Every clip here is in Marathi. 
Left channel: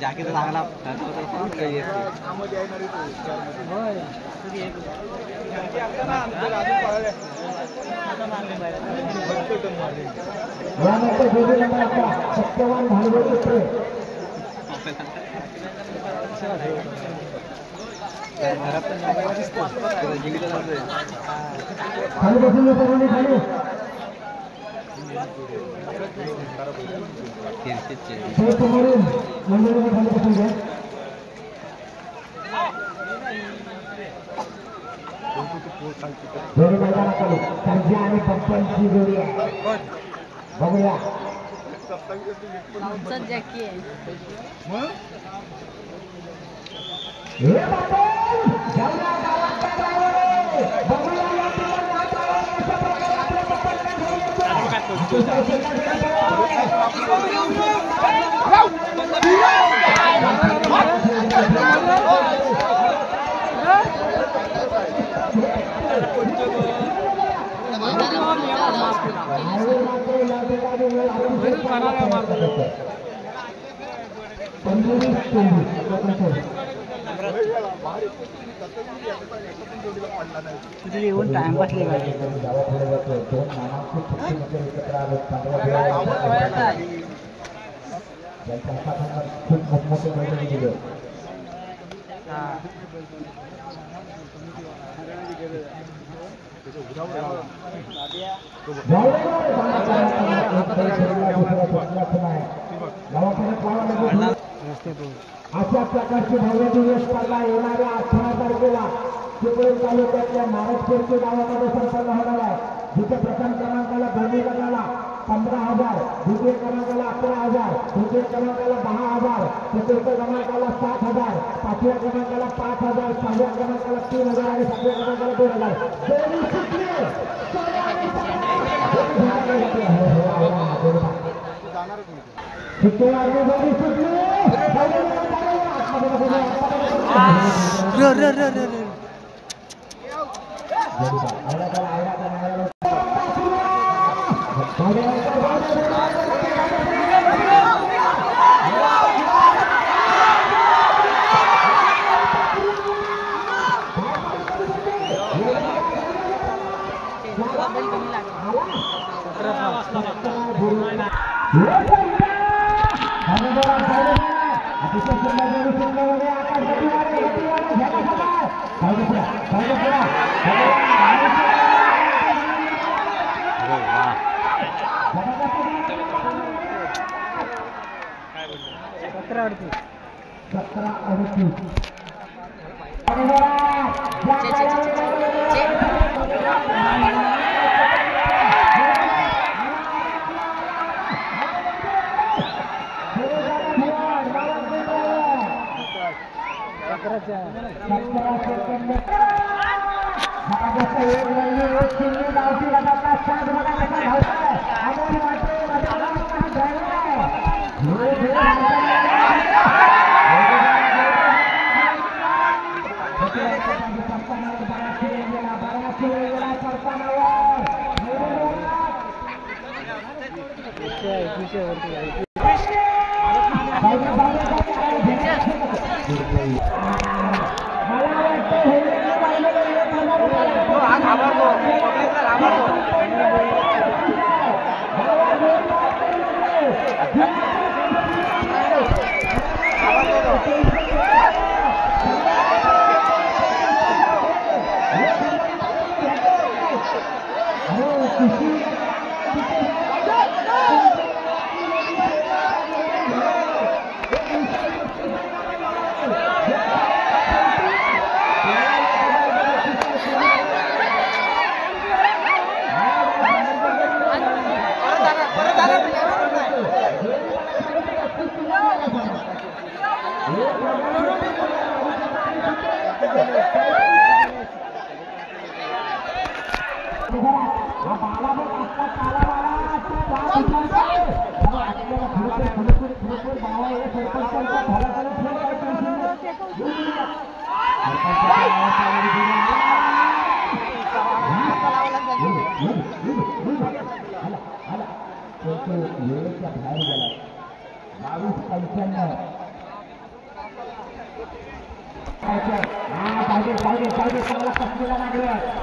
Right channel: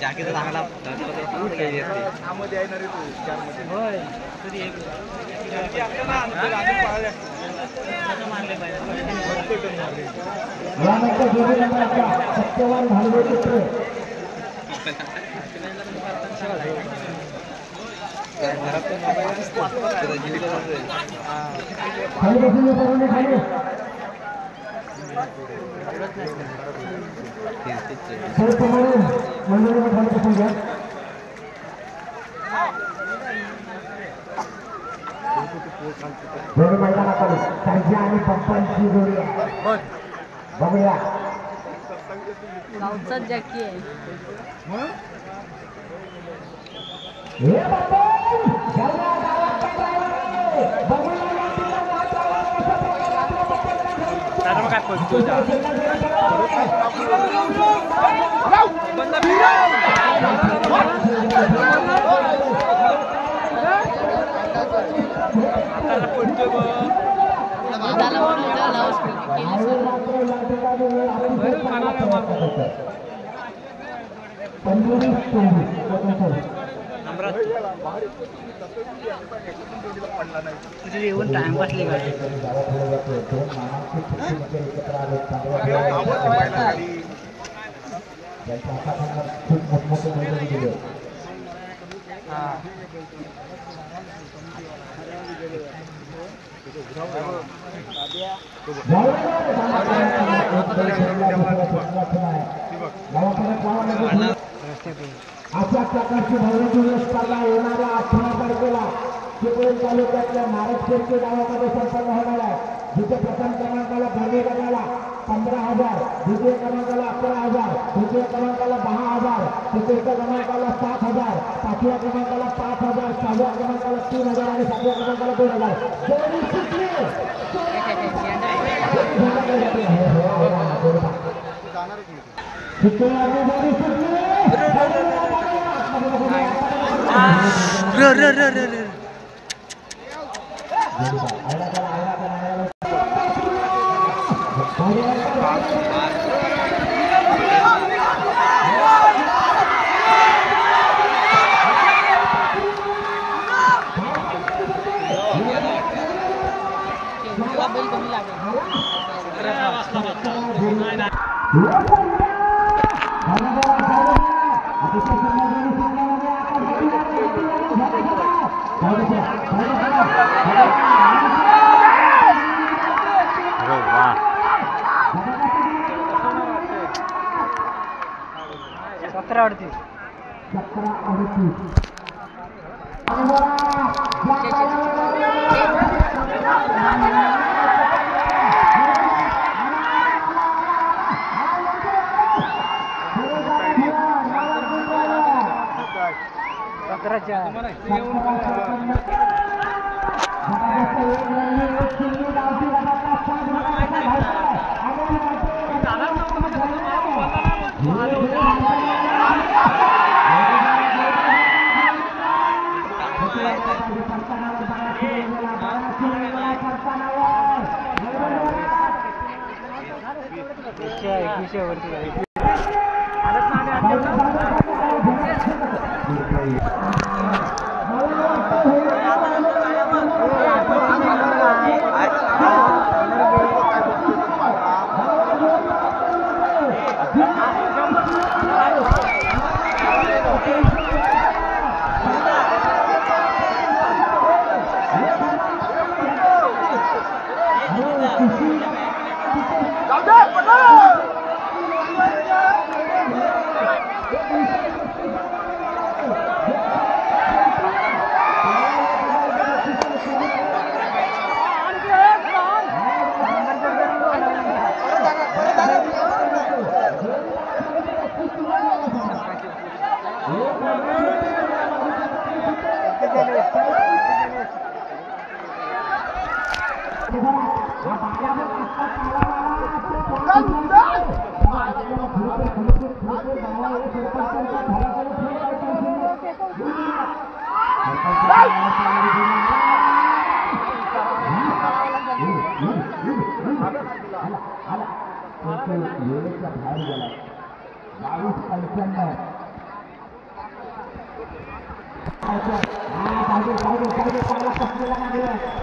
जाकीचा चांगला यानंतर जोडी नंबर सत्यवान भालवे पुत्र खाली बसून सर्वांनी खाली मंडळीने खाली बसून घ्या जोडी मैदानाखाली सर्जा आणि पप्पांची जोडी आहे बघूया येऊन टाइमपास खूप मोठमोठे मैदानी दिले अशा प्रकारची भव्य स्पर्धा येणाऱ्या 18 तारखेला चिपळूण तालुक्यातल्या नारदखेडचे गावामध्ये संपन्न होणार आहे जिथे प्रथम क्रमांकाला दोन्ही गटाला 15,000 द्वितीय क्रमांकाला 11,000 तृतीय क्रमांकाला 10,000 चतुर्थ क्रमांकाला 7,000 पाचव्या क्रमांकाला 5,000 सहाव्या क्रमांकाला 3,000 आणि सातव्या क्रमांकाला 2,000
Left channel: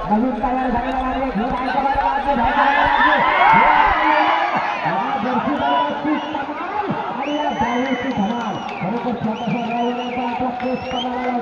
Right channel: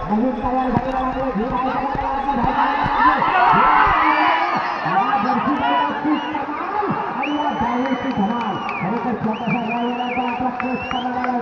नवीन तयार झालेला धमाल खरोखर छोटासा आपला केस करायला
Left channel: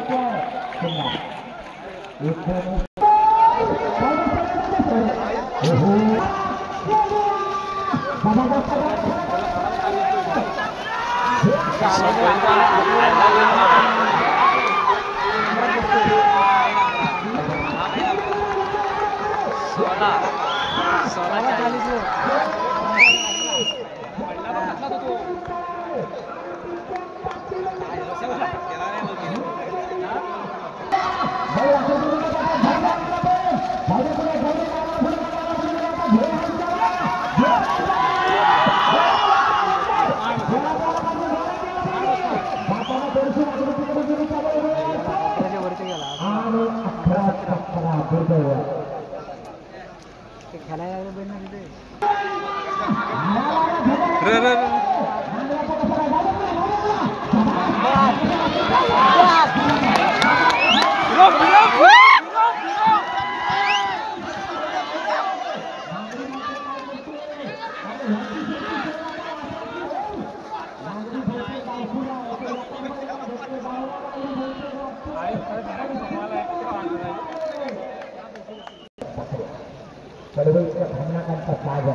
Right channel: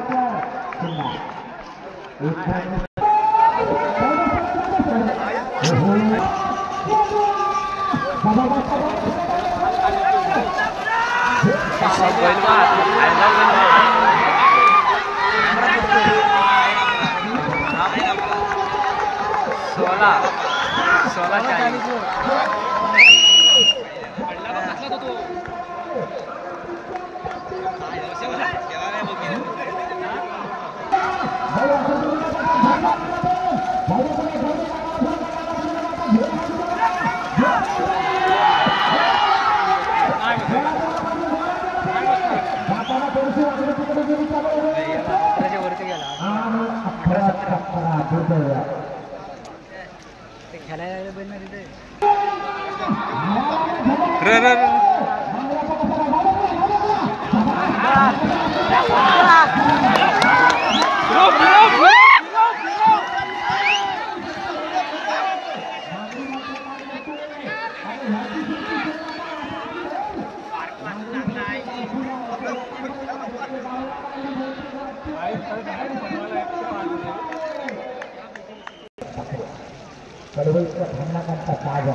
पडवईचा धन्नाकांचा ताज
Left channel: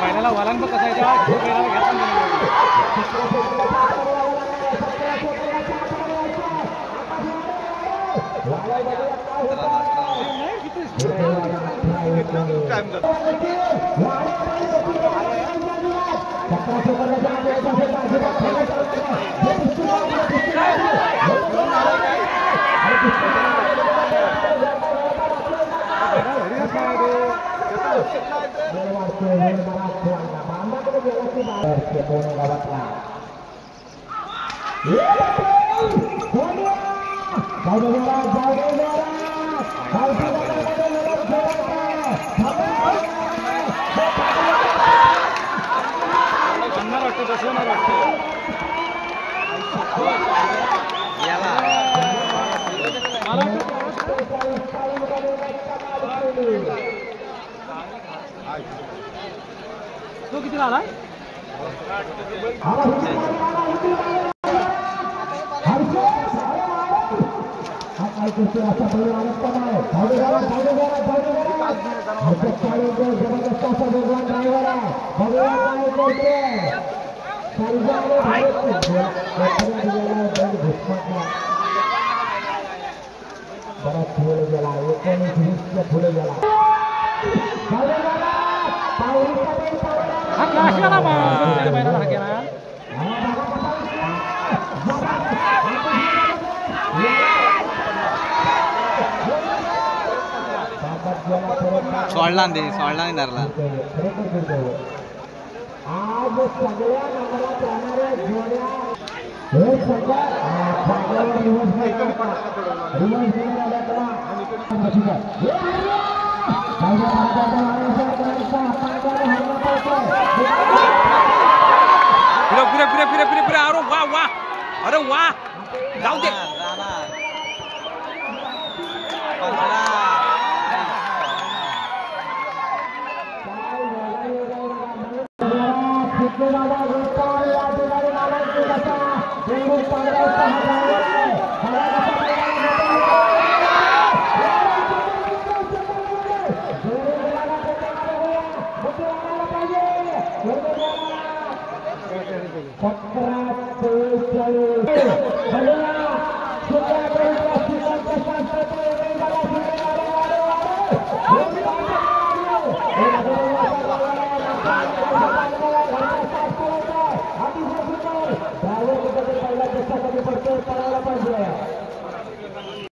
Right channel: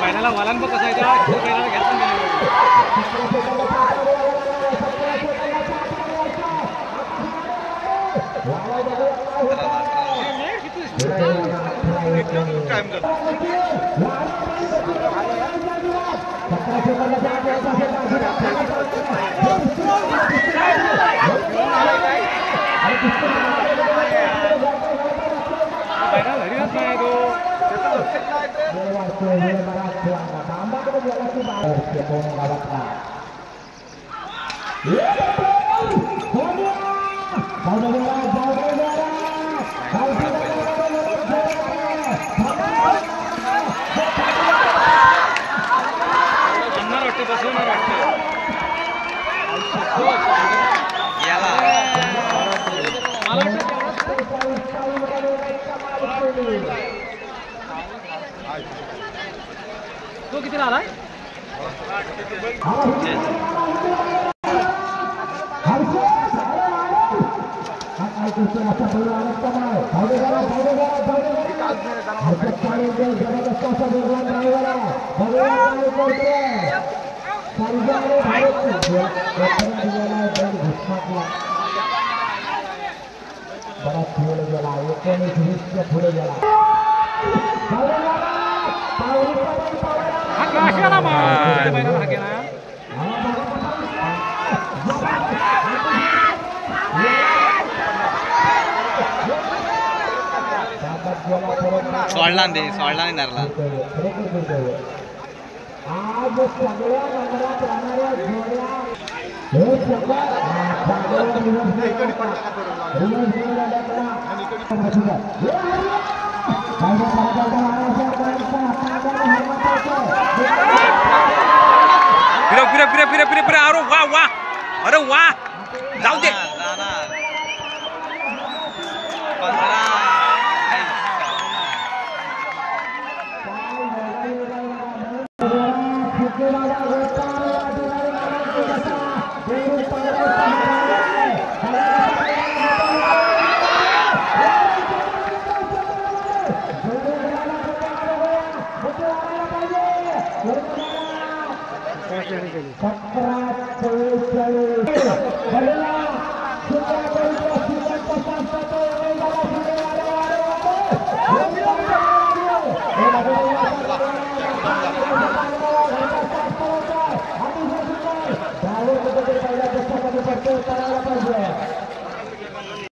पहिल्याला वलांब कसा तो किती आलाय बराच पुढे गेला 19-20 पुढे गेला सोडला नाही धरला आज सगळ्या मंडळात राहणाऱ्या जोड्या हे सगळं जागेवर फिरा अरे वा अरे वा जाऊ दे Terima kasih.